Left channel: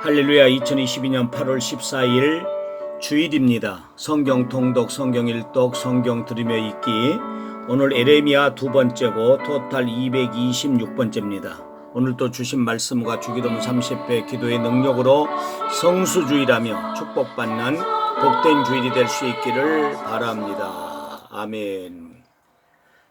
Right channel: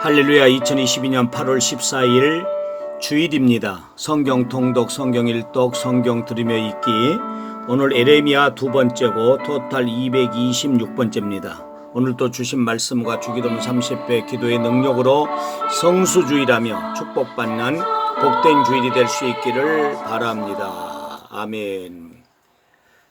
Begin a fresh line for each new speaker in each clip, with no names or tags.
할렐루야 2022년 8월 14일 주일입니다. 성경 통독, 성경 일독, 성경 들으며 읽기. 오늘 에레미야 두 번째고 토탈 226번째입니다. 오늘 또 주신 말씀과 주기도문 30배 기도의 능력으로 성수주일하며 축복받는 복된 주일이 될 수 있기를 바랍니다. 아멘.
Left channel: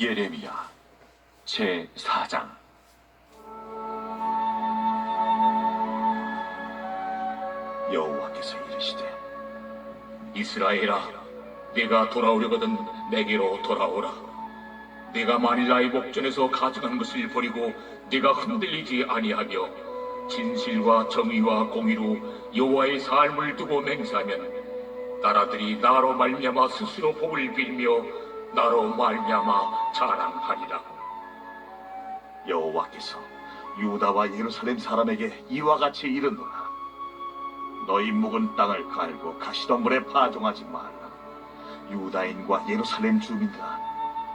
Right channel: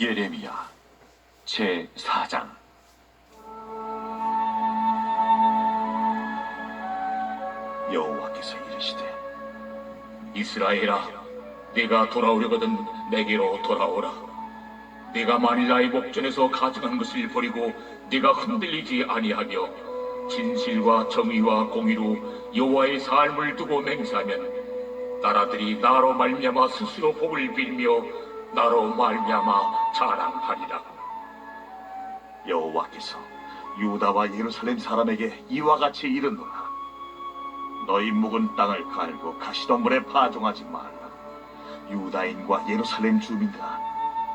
예레미야 제 4장. 여호와께서 이르시되 이스라엘아 네가 돌아오려거든 내게로 돌아오라. 네가 만일 나의 목전에서 가증한 것을 버리고 네가 흔들리지 아니하며 진실과 정의와 공의로 여호와의 삶을 두고 맹세하면 나라들이 나로 말미암아 스스로 복을 빌며 나로 말미암아 자랑하리라. 여호와께서 유다와 예루살렘 사람에게 이와 같이 이르노라. 너희 묵은 땅을 갈고 가시덤불에 파종하지 말라. 유다인과 예루살렘 주민들아,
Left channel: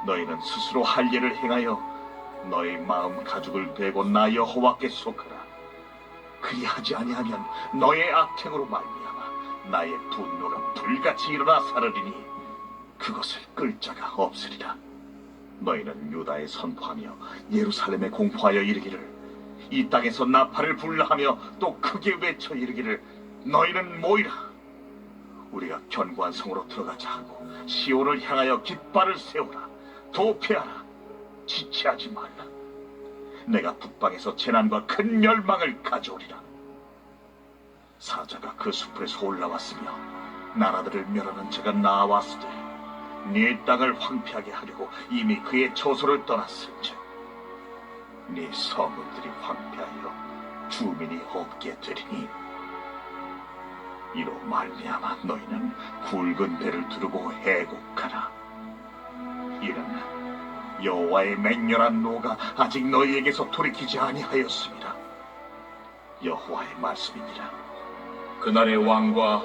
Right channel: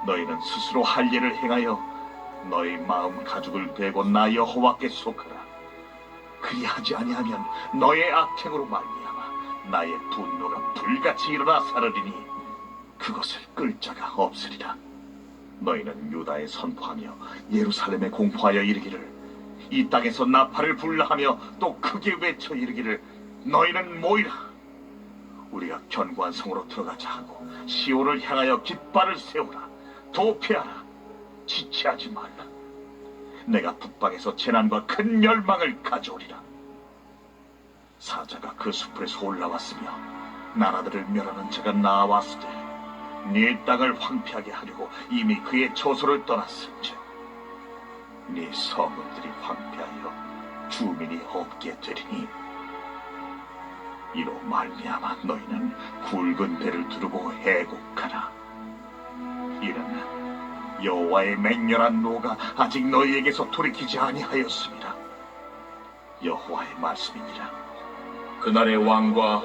너희는 스스로 할 일을 행하여 너희 마음 가죽을 되고 나 여호와께 속하라. 그리하지 아니하면 너의 악행으로 말미암아 나의 분노가 불같이 일어나 사르리니 그것을 끌 자가 없으리라. 너희는 유다에 선포하며 예루살렘에 공포하여 이르기를 이 땅에서 나팔을 불라하며 또 크게 외쳐 이르기를 너희는 모이라. 우리가 견고한 성으로 들어가자 하고 시온을 향하여 깃발을 세우라. 도피하라. 지체하지 말라. 내가 북방에서 재난과 큰 멸망을 가져오리라. 사자가 그 숲에서 올라왔으며 나라들을 멸하는 자가 나왔으되 네 땅을 황폐하게 하려고 이미 그의 처소를 떠났을즉 네 성읍들이 황폐하여 주민이 없게 되리니 이로 말미암아 너희는 굵은 배를 두르고 해곡하라. 이는 여호와의 맹렬한 노가 아직 너희에게서 돌이키지 아니하였습니다. 여호와의 말씀이니라. 그날의 왕과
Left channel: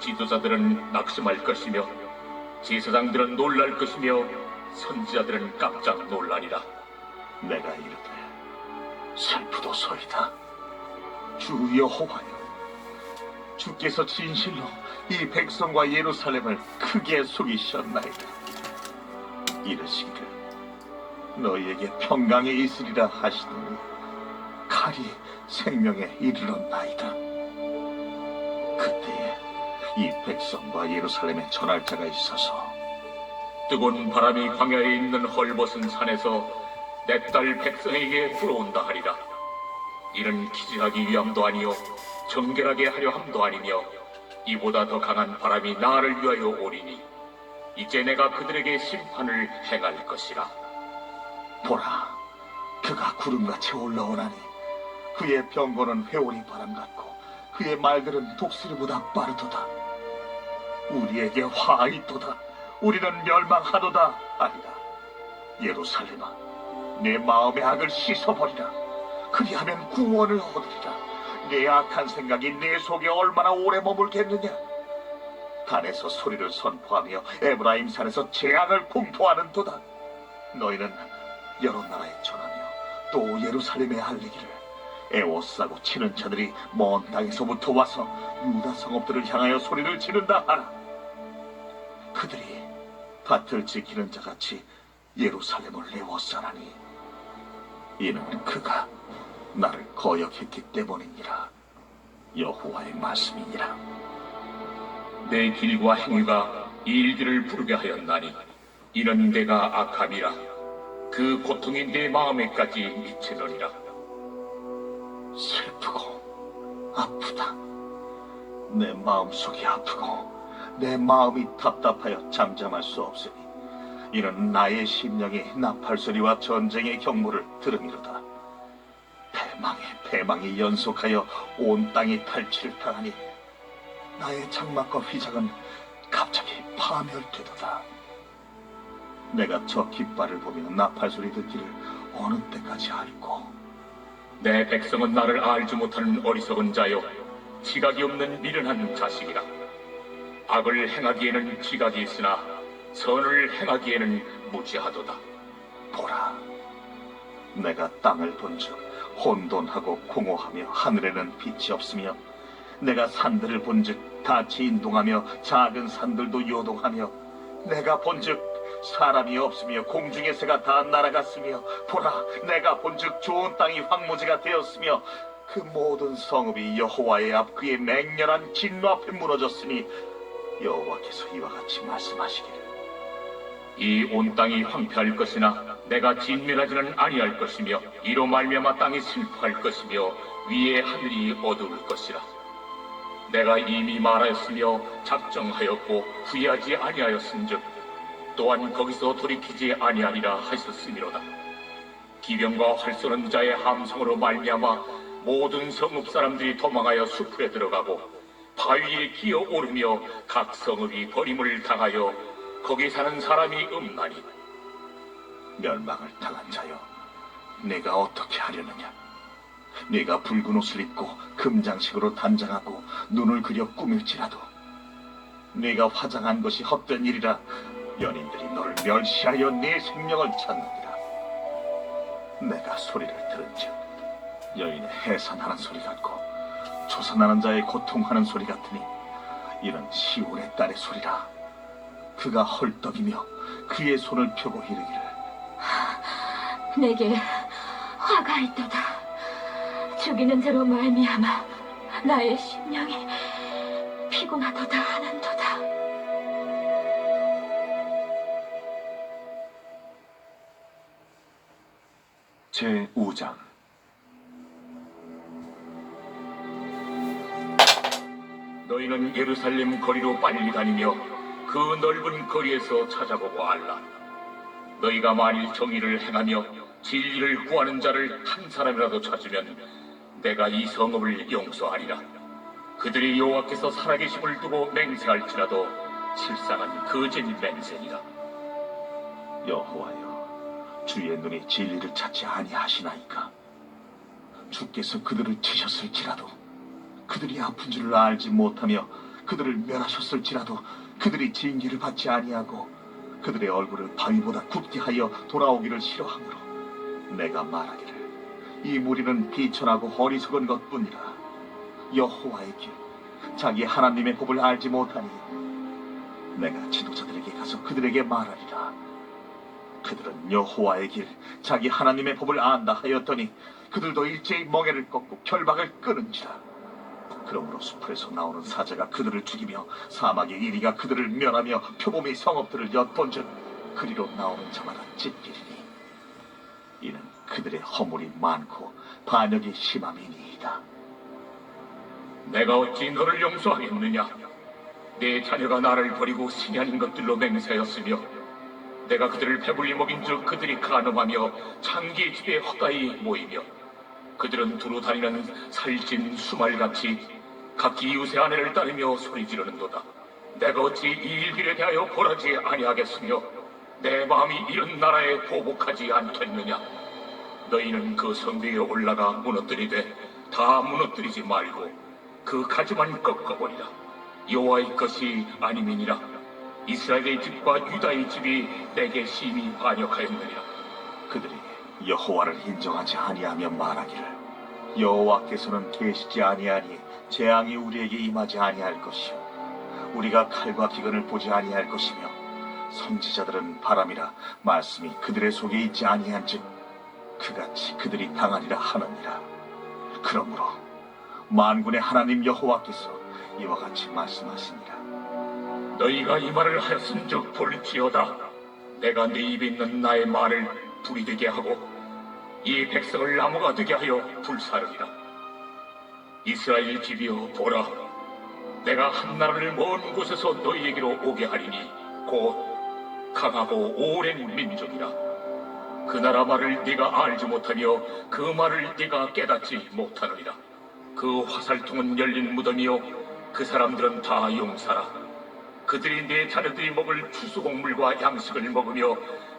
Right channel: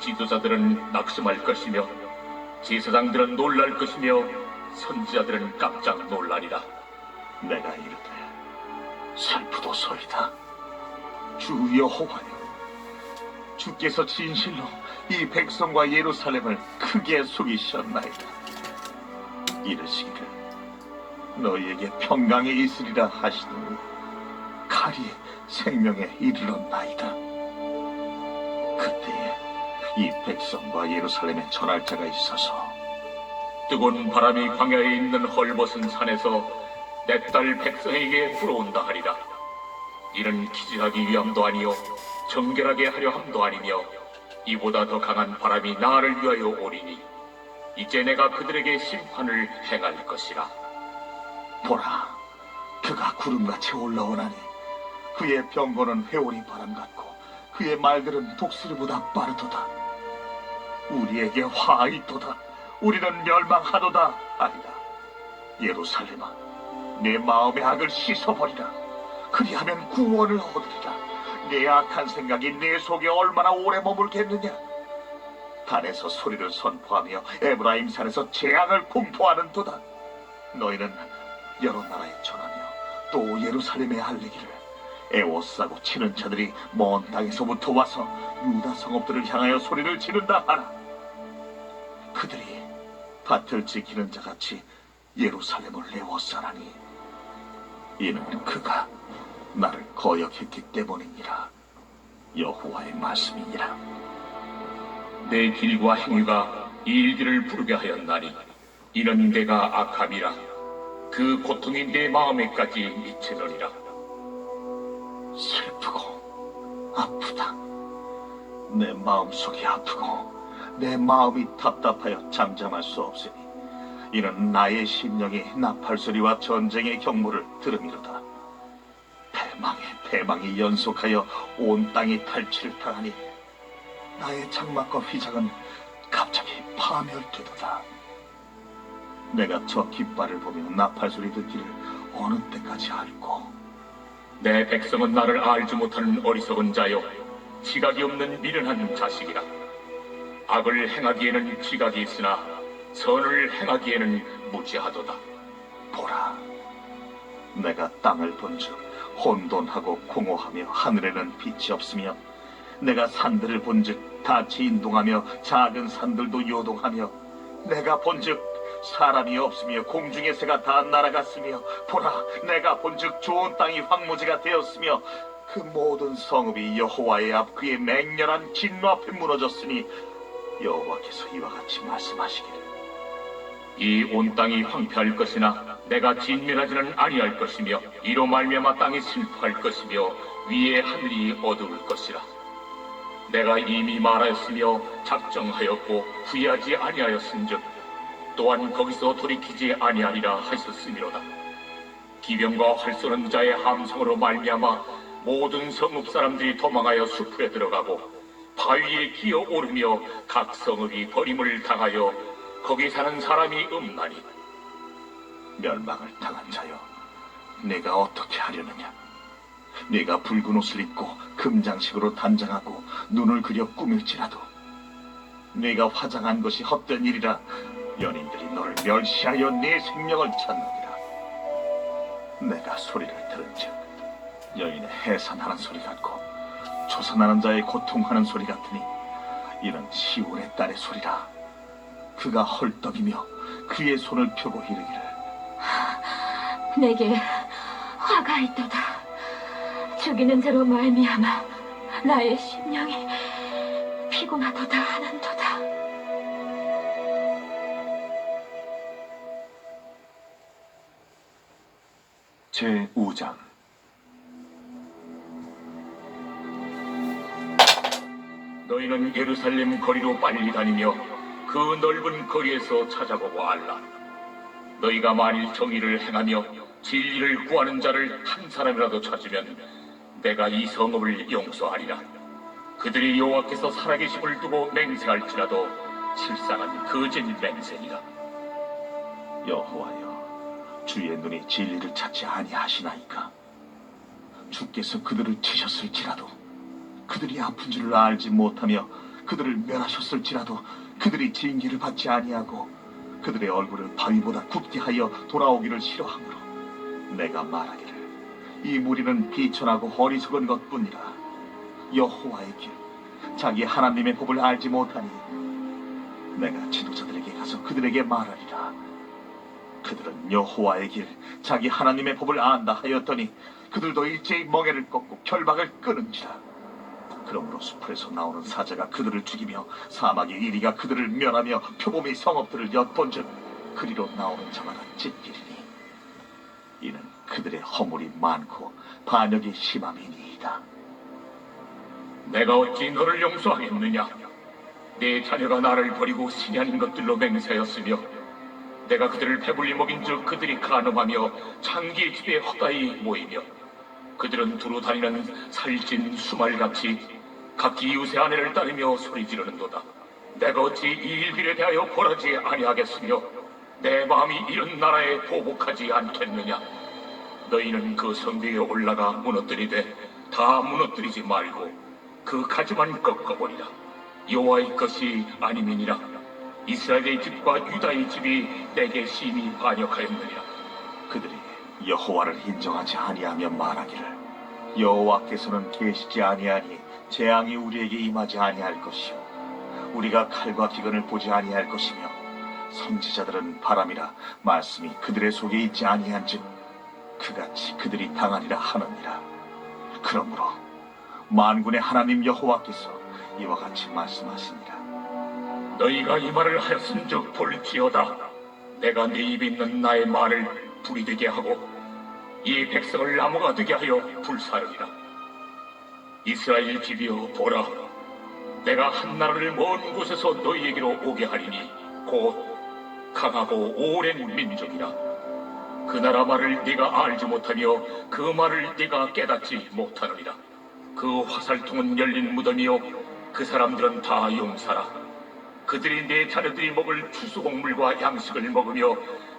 지도자들은 낙심할 것이며 제사장들은 놀랄 것이며 선지자들은 깜짝 놀라리라. 내가 이르되 슬프도소이다. 주 여호와여, 주께서 진실로 이 백성과 예루살렘을 크게 속이셨나이다. 이르시기를 너희에게 평강이 있으리라 하시더니 칼이 생명에 이르렀나이다. 그때에 이 백성과 예루살렘에 전할 자가 있어서 뜨거운 바람이 광야에 있는 헐벗은 산에서 내 딸 백성에게 불어온다 하리라
이는 기진하기 위함도 아니요 정결하게 하려 함도 아니며 이보다 더 강한 바람이 나를 위하여 오리니 이제 내가 그들에게 심판을 행할 것이라
보라, 그가 구름같이 올라오나니 그의 병거는 회오리 바람 같고 그의 말들은 독수리보다 빠르도다. 우리에게 화 있도다. 우리는 멸망하도다. 아니다. 예루살렘아, 내 마음의 악을 씻어버리라. 그리하면 구원을 얻으리라. 내 악한 생각이 내 속에 얼마나 오래 머물겠느냐? 단에서 소리를 선포하며 에브라임 산에서 재앙을 공포하는 도다. 너희는 여러 나라에 전하며 또 예루살렘에 알리기를 에워싸고 치는 자들이 먼 땅에서부터 와서 유다 성읍들을 향하여 소리를 지른다 하라. 그들이 밭을 지키는 자같이 예루살렘을 에워싸라니. 이는 그가 나를 거역했기 때문이니라. 여호와의 말씀이니라.
내 길과 행위가 이 일기를 부르게 하였나니 이는 내가 악함이라. 그 고통이 내 마음에까지 미치느니라
슬프고 아프다. 내 마음속이 아프고 내 마음이 답답하여 잠잠할 수 없으니 이는 나의 심령이 나팔 소리와 전쟁의 경무를 들음이로다. 대망의 대망이 연속하여 온 땅이 탈취를 당하니 나의 장막과 휘장은 갑자기 파멸되도다. 내가 저 깃발을 보며 나팔 소리 듣기를 어느 때까지 알고
내 백성은 나를 알지 못하는 어리석은 자요. 지각이 없는 미련한 자식이라. 악을 행하기에는 지각이 있으나 선을 행하기에는 무지하도다.
보라, 내가 땅을 본즉 혼돈하고 공허하며 하늘에는 빛이 없으며 내가 산들을 본즉 다 진동하며 작은 산들도 요동하며 내가 본즉 사람이 없으며 공중의 새가 다 날아갔으며 보라, 내가 본즉 좋은 땅이 황무지가 되었으며 그 모든 성읍이 여호와의 앞 그의 맹렬한 진노 앞에 무너졌으니 여호와께서 이와 같이 말씀하시기를.
이 온 땅이 황폐할 것이나 내가 진멸하지는 아니할 것이며 이로 말미암아 땅이 슬퍼할 것이며 위에 하늘이 어두울 것이라. 내가 이미 말하였으며 작정하였고 후회하지 아니하였은즉 또한 거기서 돌이키지 아니하리라 하셨음이로다 기병과 활 쏘는 자의 함성으로 말미암아 모든 성읍 사람들이 도망하여 숲에 들어가고 바위에 기어 오르며 각 성읍이 버림을 당하여 거기 사는 사람이 없나니
멸망을 당한 자여, 내가 어떻게 하려느냐? 네가 붉은 옷을 입고 금장식으로 단장하고 눈을 그려 꾸밀지라도 네가 화장한 것이 헛된 일이라 연인들이 너를 멸시하여 네 생명을 찾느니라. 내가 소리를 들은즉 여인의 해산하는 소리 같고 조선하는 자의 고통하는 소리 같으니 이는 시온의 딸의 소리라. 그가 헐떡이며 그의 손을 펴고 이르기를
내게 화가 있도다. 죽이는 자로 말미암아 나의 심령이 피곤하도다 하는
제 5장
너희는 예루살렘 거리로 빨리 다니며 그 넓은 거리에서 찾아보고 알라. 너희가 만일 정의를 행하며 진리를 구하는 자를 한 사람이라도 찾으면 내가 이 성읍을 용서하리라. 그들이 여호와께서 살아계심을 두고 맹세할지라도 실상은 거짓 맹세니라.
여호와여 주의 눈이 진리를 찾지 아니하시나이까? 주께서 그들을 치셨을지라도 그들이 아픈 줄을 알지 못하며 그들을 멸하셨을지라도 그들이 징계를 받지 아니하고 그들의 얼굴을 바위보다 굽게 하여 돌아오기를 싫어하므로 내가 말하기를 이 무리는 비천하고 어리석은 것뿐이라. 여호와의 길 자기 하나님의 법을 알지 못하니 내가 지도자들에게 가서 그들에게 말하리라 그들은 여호와의 길 자기 하나님의 법을 안다 하였더니 그들도 일제히 멍에를 꺾고 결박을 끊은지라 그러므로 숲에서 나오는 사자가 그들을 죽이며 사막의 이리가 그들을 멸하며 표범이 성읍들을 엿본즉 그리로 나오는 자마다 찢기리니 이는 그들의 허물이 많고 반역이 심함이니이다.
내가 어찌 너를 용서하겠느냐? 내 자녀가 나를 버리고 신이 아닌 것들로 맹세하였으며 내가 그들을 배불리 먹인 즉 그들이 간음하며 창기의 집에 헛다이 모이며 그들은 두루 다니는 살찐 수말같이 각기 이웃의 아내를 따르며 소리 지르는도다. 내가 어찌 이 일들에 대하여 벌하지 아니하겠으며 내 마음이 이런 나라에 보복하지 않겠느냐? 너희는 그 성벽에 올라가 무너뜨리되 다 무너뜨리지 말고 그 가지만 꺾어버리라. 여호와의 것이 아니니라. 이스라엘의 집과 유다의 집이 내게 심히 반역하였느니라.
그들이 여호와를 인정하지 아니하며 말하기를 여호와께서는 계시지 아니하니 재앙이 우리에게 임하지 아니할 것이요 우리가 칼과 기근을 보지 아니할 것이며 선지자들은 바람이라 말씀이 그들의 속에 있지 아니한즉 그같이 그들이 당하리라 하느니라 그러므로 만군의 하나님 여호와께서 이와 같이 말씀하시니라
너희가 이 말을 하였은즉 볼지어다. 내가 네 입에 있는 나의 말을 불이 되게 하고 이 백성을 나무가 되게 하여 불사르리라. 이스라엘 집이여 보라. 내가 한 나라를 먼 곳에서 너희에게로 오게 하리니 곧 강하고 오랜 민족이라. 그 나라 말을 네가 알지 못하며 그 말을 네가 깨닫지 못하느니라. 그 화살통은 열린 무덤이요 그 사람들은 다 용사라. 그들이 내 자녀들이 먹을 추수곡물과 양식을 먹으며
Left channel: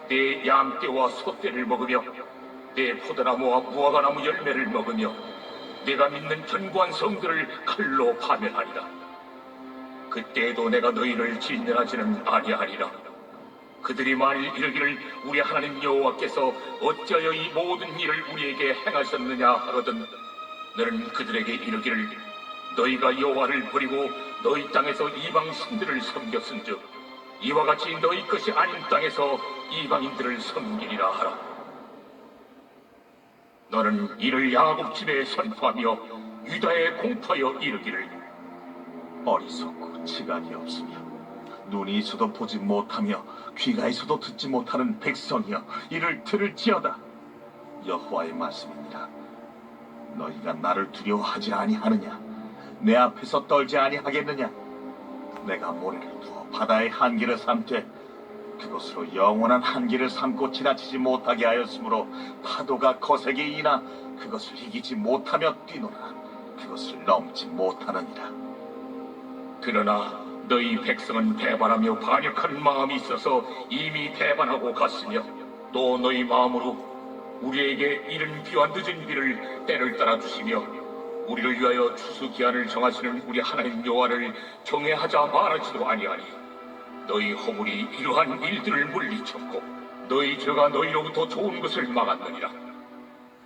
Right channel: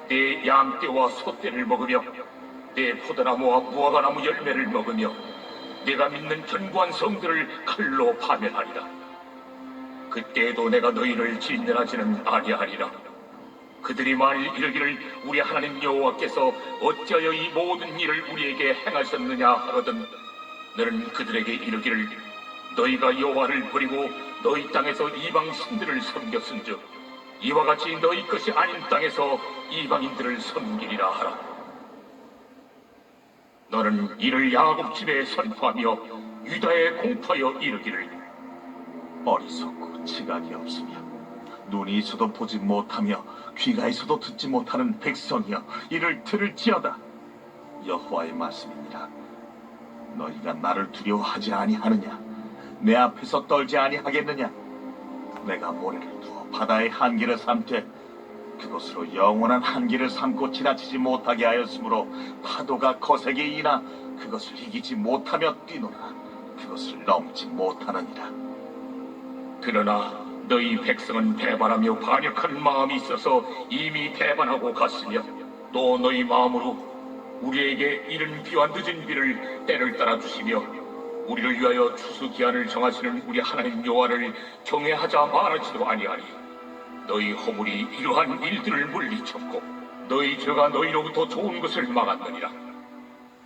내 양떼와 소떼를 먹으며 내 포도나무와 무화과나무 열매를 먹으며 내가 믿는 견고한 성들을 칼로 파멸하리라. 그때에도 내가 너희를 진멸하지는 아니하리라. 그들이 만일 이르기를 우리 하나님 여호와께서 어찌하여 이 모든 일을 우리에게 행하셨느냐 하거든 너는 그들에게 이르기를 너희가 여호와를 버리고 너희 땅에서 이방 신들을 섬겼은즉 이와 같이 너희 것이 아닌 땅에서 이방인들을 섬기리라 하라. 너는 이를 야곱 집에 선포하며 유다에 공포하여 이르기를
어리석고 지각이 없으며 눈이 있어도 보지 못하며 귀가 있어도 듣지 못하는 백성이여 이를 들을지어다. 여호와의 말씀입니다. 너희가 나를 두려워하지 아니하느냐 내 앞에서 떨지 아니하겠느냐? 내가 모래를 두어 바다의 한계를 삼되 그것으로 영원한 한계를 삼고 지나치지 못하게 하였으므로 파도가 거세게 이나 그것을 이기지 못하며 뛰노라. 그것을 넘지 못하느니라.
그러나 너희 백성은 배반하며 반역하는 마음이 있어서 이미 배반하고 갔으며 또 너희 마음으로 우리에게 이른 비와 늦은 비를 때를 따라 주시며 우리를 위하여 추수 기한을 정하시는 우리 하나님 여호와를 경외하자 말하지도 아니하니 너희 허물이 이러한 일들을 물리쳤고 너희 죄가 너희로부터 좋은 것을 막았느니라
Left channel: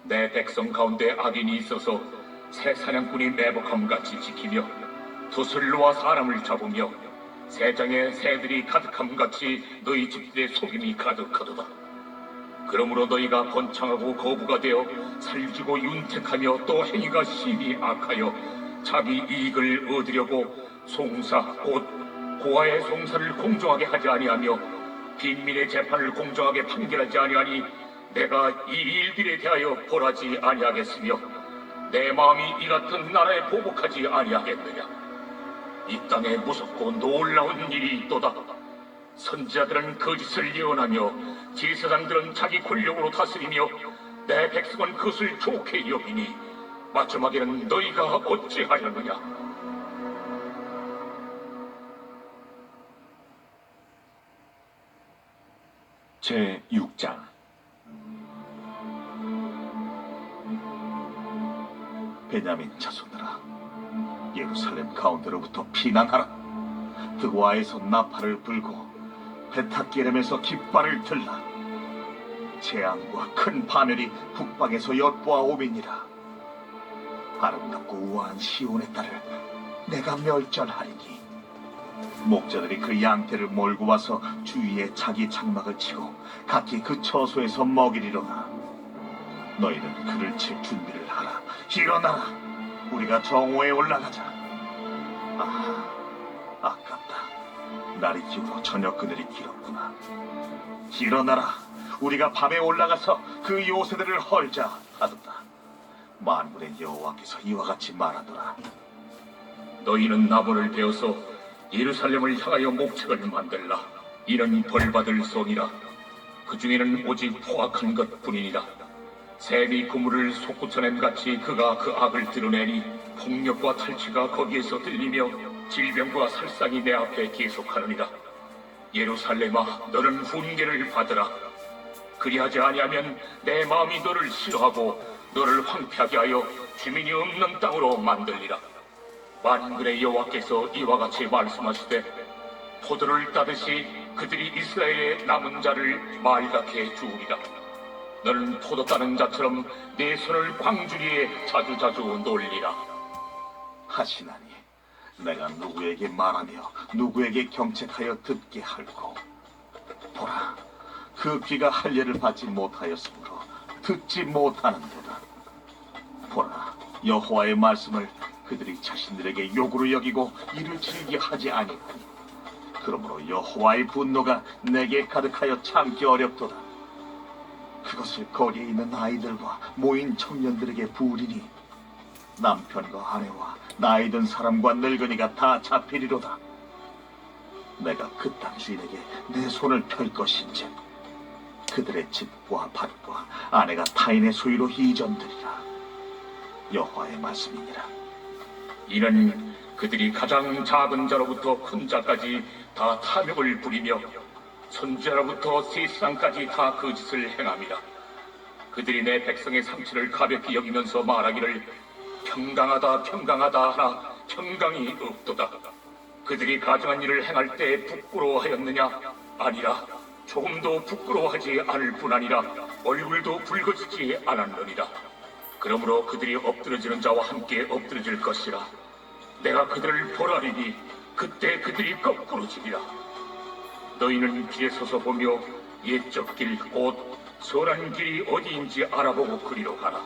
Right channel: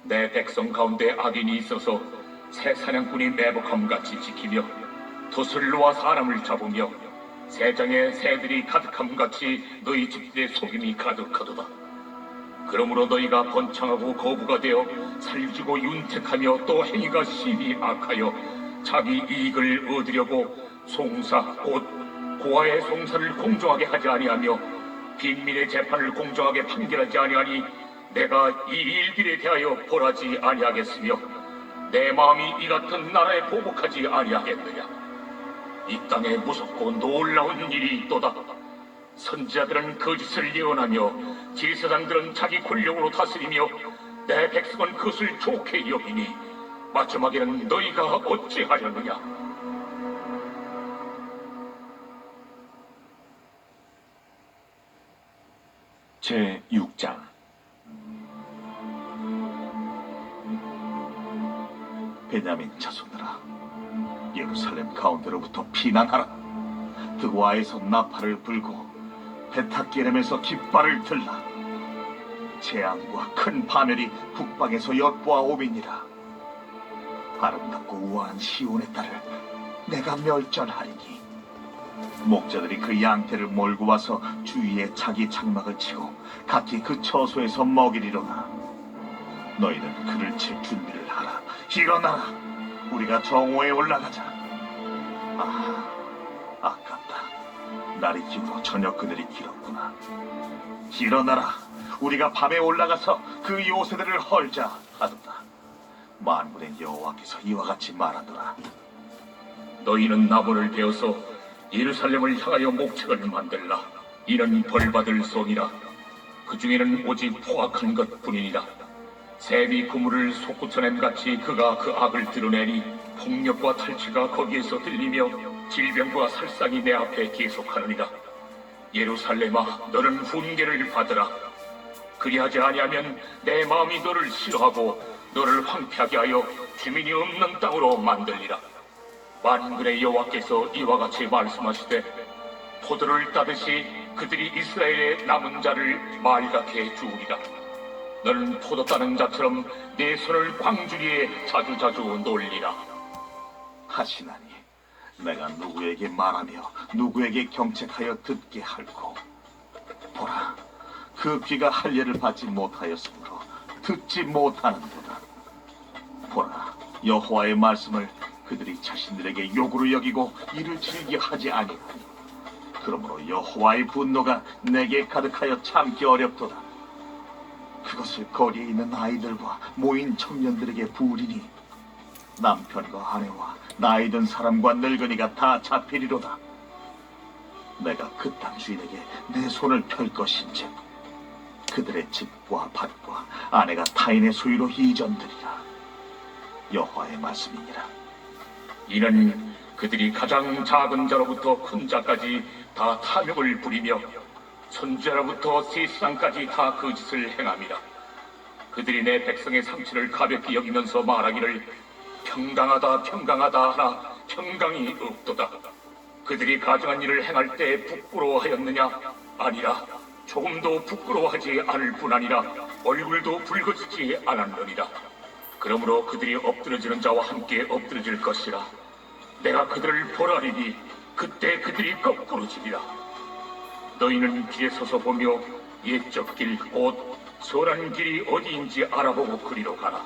내 백성 가운데 악인이 있어서 새 사냥꾼이 매복함같이 지키며 도슬로와 사람을 잡으며 세장에 새들이 가득함같이 너희 집들의 속임이 가득하도다. 그러므로 너희가 번창하고 거부가 되어 살기고 윤택하며 또 행위가 심히 악하여 자기 이익을 얻으려고 송사 곧 고아의 송사를 공정하게 하지 아니하며 빈민의 재판을 공정하게 판결하지 아니하니 내가 이 일들에 대하여 벌하지 아니하겠으며 내 마음이 이 같은 나라에 보복하지 아니하겠느냐? 이 땅에 무섭고 놀라운 일이 있도다 선지자들은 거짓을 예언하며 제사장들은 자기 권력으로 다스리며 내 백성은 그것을 좋게 여기니 마지막에는 너희가 어찌하려느냐?
제 6장. 베냐민 자손들아 예루살렘 가운데로부터 피난하라. 드고아에서 나팔을 불고 베타게렘에서 깃발을 들라 재앙과 큰 파멸이 북방에서 엿보아 오미니라 아름답고 우아한 시온의 딸을 내가 멸절하리니 목자들이 그 양떼를 몰고 와서 주위에 자기 장막을 치고 각기 그 처소에서 먹이리로다. 너희는 그를 칠 준비를 하라. 일어나라. 우리가 정오에 올라가자. 아, 아깝다. 날이 기울어 저녁 그늘이 길었구나. 일어나라. 우리가 밤에 올라가서 그 요새들을 헐자 하도다. 만군의 여호와께서 이와 같이 말하노라.
너희는 나무를 베어서 예루살렘을 향하여 목책을 만들라. 이는 벌받을 손이라. 그 중에는 오직 포악한 것뿐이니라. 샘이 그물을 솟구쳐냄 같이 그가 그 악을 드러내니 폭력과 탈취가 거기에서 들리며 질병과 살상이 내 앞에 계속하느니라. 예루살렘아, 너는 훈계를 받으라. 그리하지 아니하면 내 마음이 너를 싫어하고 너를 황폐하게 하여 주민이 없는 땅으로 만들리라. 만군의 여호와께서 이와 같이 말씀하시되 포도를 따듯이 그들이 이스라엘의 남은 자를 말갛게 주우리라. 너는 포도 따는 자처럼 내 손을 광주리에 자주자주 놀리라.
하시나니 내가 누구에게 말하며 누구에게 경책하여 듣게 할고 보라 그 귀가 할례를 받지 못하였으므로 듣지 못하는도다. 보라 여호와의 말씀을 그들이 자신들에게 욕으로 여기고 이를 즐겨 하지 아니하니 그러므로 여호와의 분노가 내게 가득하여 참기 어렵도다 그것을 거리에 있는 아이들과 모인 청년들에게 부리니 남편과 아내와 나이 든 사람과 늙은이가 다 잡히리로다. 내가 그 땅 주인에게 내 손을 펼 것인지 그들의 집과 밭과 아내가 타인의 소유로 이전되리라. 여호와의 말씀이니라.
이는 그들이 가장 작은 자로부터 큰 자까지 다 탐욕을 부리며 선지자로부터 세상까지 다그 짓을 행함이라. 그들이 내 백성의 상처를 가볍게 여기면서 말하기를 평강하다 평강하다 하나 평강이 없도다. 그들이 가증한 일을 행할 때 부끄러워하였느냐? 아니라 조금도 부끄러워하지 않을 뿐 아니라 얼굴도 붉어지지 않았느니라. 그러므로 그들이 엎드러지는 자와 함께 엎드러질 것이라. 내가 그들을 보라리니 그때 그들이 거꾸로 지리라. 너희는 길에 서서 보며 옛적 길, 곧 선한 길이 어디인지 알아보고 그리로 가라.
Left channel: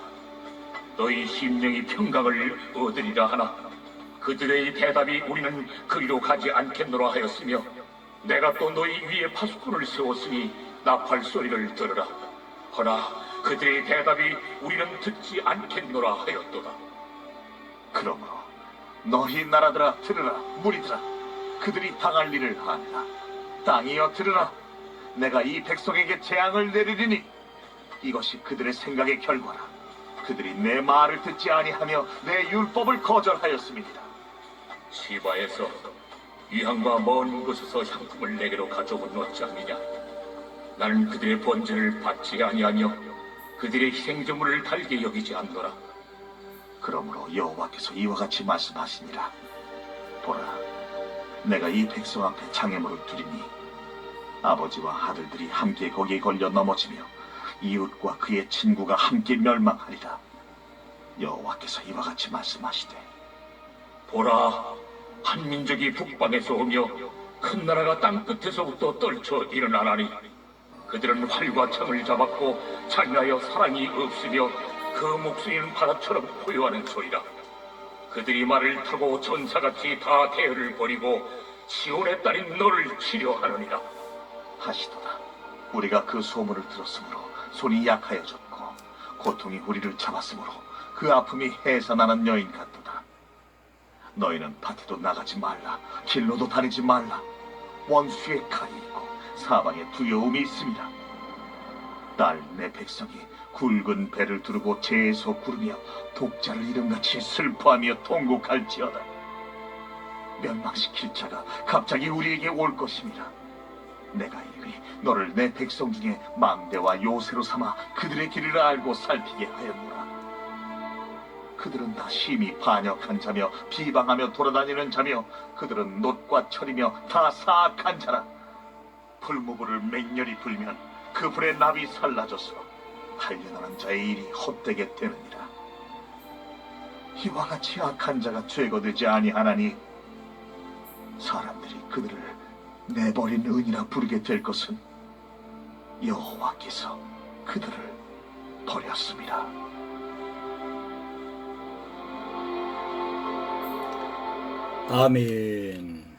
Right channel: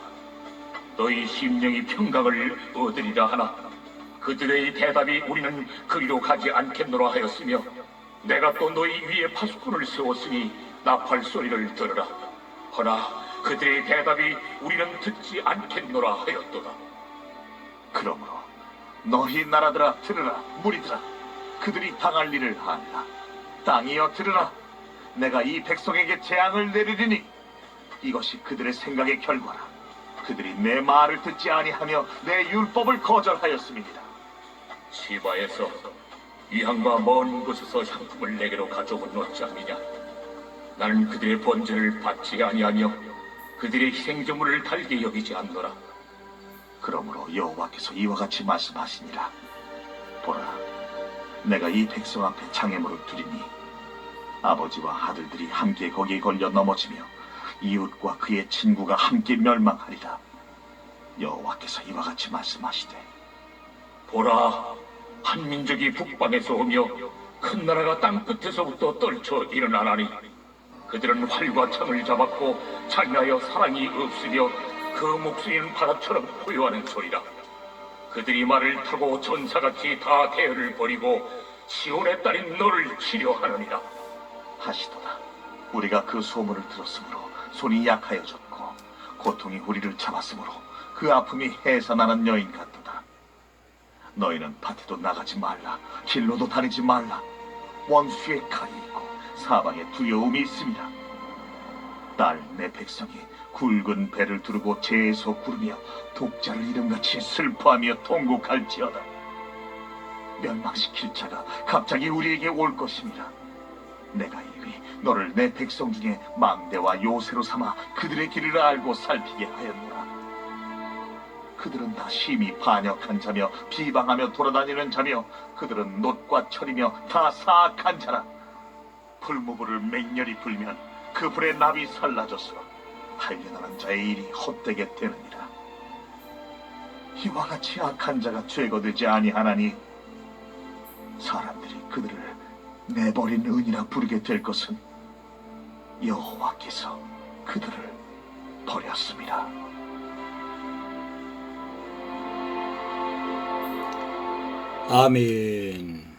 너희 심령이 평강을 얻으리라 하나 그들의 대답이 우리는 그리로 가지 않겠노라 하였으며 내가 또 너희 위에 파수꾼을 세웠으니 나팔 소리를 들으라. 허나 그들의 대답이 우리는 듣지 않겠노라 하였도다.
그러므로 너희 나라들아 들으라 무리들아 그들이 당할 일을 하니라 땅이여 들으라. 내가 이 백성에게 재앙을 내리리니 이것이 그들의 생각의 결과라. 그들이 내 말을 듣지 아니하며 내 율법을 거절하였음이니라
시바에서 위항과 먼 곳에서 향품을 내게로 가져온 어찌함이냐? 나는 그들의 번제를 받지 아니하며 그들의 희생제물을 달게 여기지 않노라.
그러므로 여호와께서 이와 같이 말씀하시니라. 보라 내가 이 백성 앞에 장애물을 두리니 아버지와 아들들이 함께 거기에 걸려 넘어지며 이웃과 그의 친구가 함께 멸망하리라. 여호와께서 이와 같이 말씀하시되
보라 한 민족이 북방에서 오며 큰 나라가 땅 끝에서부터 떨쳐 일어나나니 그들은 활과 창을 잡았고 잔인하여 사랑이 없으며 그 목소리는 바다처럼 고요하는 소리라. 그들이 말을 타고 전사같이 다 대열을 버리고 시온의 딸인 너를 치려하느니라
하시도다. 우리가 그 소문을 들었으므로 손이 약하여졌고 고통이 우리를 잡았으므로 그 아픔이 해산하는 여인 같도다. 너희는 밭에도 나가지 말라. 길로도 다니지 말라. 원수의 칼이 있고 사방에 두려움이 있습니다. 딸 내 백성이 굵은 배를 두르고 재에서 구르며 독자를 이름같이 슬퍼하며 통곡할지어다. 멸망시킬 자가 갑자기 우리에게 올 것입니다 내가 이미 너를 내 백성 중에 망대와 요새로 삼아 그들의 길을 알고 살피게 하였노라. 그들은 다 심히 반역한 자며 비방하며 돌아다니는 자며 그들은 놋과 철이며 다 사악한 자라. 풀무불을 맹렬히 불면 그 불에 납이 살라져서 달려나는 자의 일이 헛되게 되느니라. 이와 같이 악한 자가 죄거되지 아니하나니 사람들이 그들을 내버린 은이라 부르게 될 것은 여호와께서 그들을 버렸습니다.
아멘.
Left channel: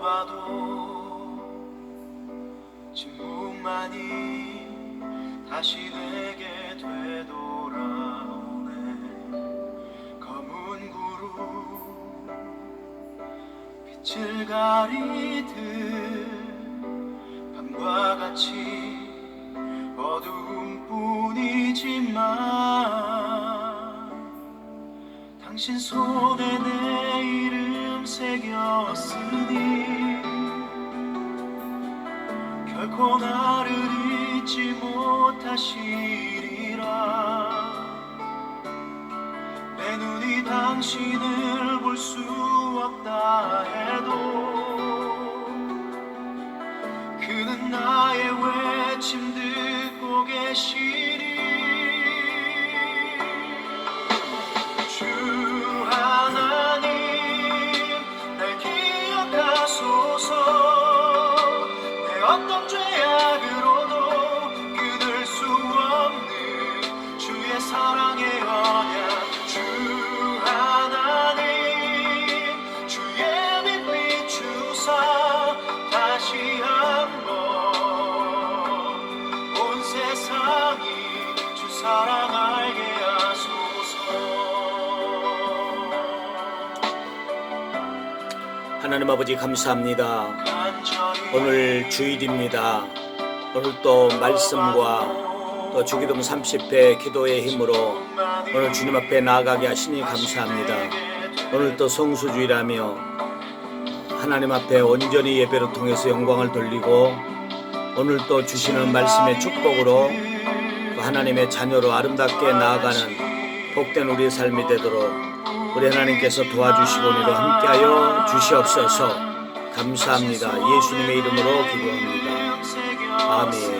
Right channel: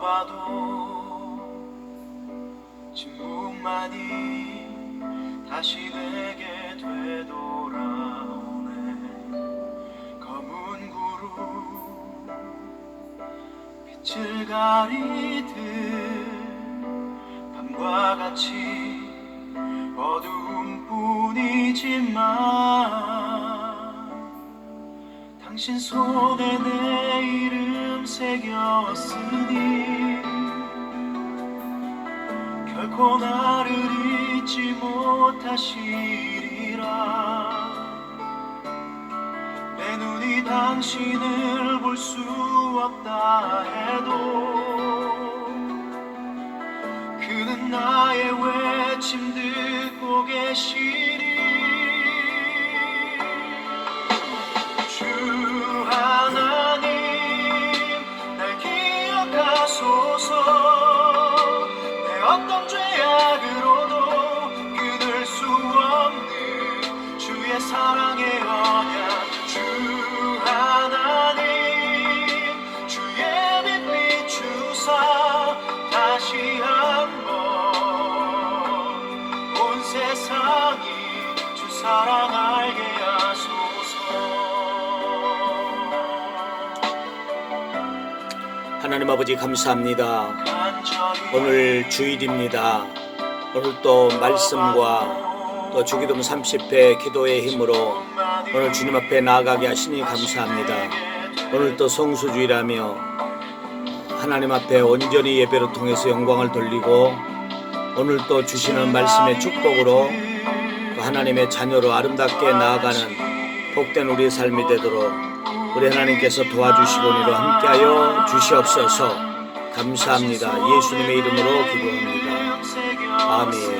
나도 침묵만이 다시 내게 되돌아오네. 검은 구름 빛을 가리듯 밤과 같이 어두운 뿐이지만 당신 손에 내 이름 새겼으니 결코 나를 잊지 못하시리라. 내 눈이 당신을 볼 수 없다 해도 그는 나의 외침 듣고 계시리 하나님
아버지 감사합니다. 오늘 주일입니다. 오늘 또 말씀과 또 주기도문 30회 기도의 힘으로 오늘 주님 앞에 나아가게 하시니 감사합니다. 오늘 또 성수주일하며 하나님 앞에 온전히 예배를 통해서 영광을 돌리고 오늘 또 주시는 말씀의 축복으로 또 하나님의 자녀로 아름답게 나아가는 복된 우리의 삶이 되도록 우리 하나님께서 도와주시고니로 함께하여 주시옵소서 감사합니다. 예수님의 이름으로 기도합니다. 아멘.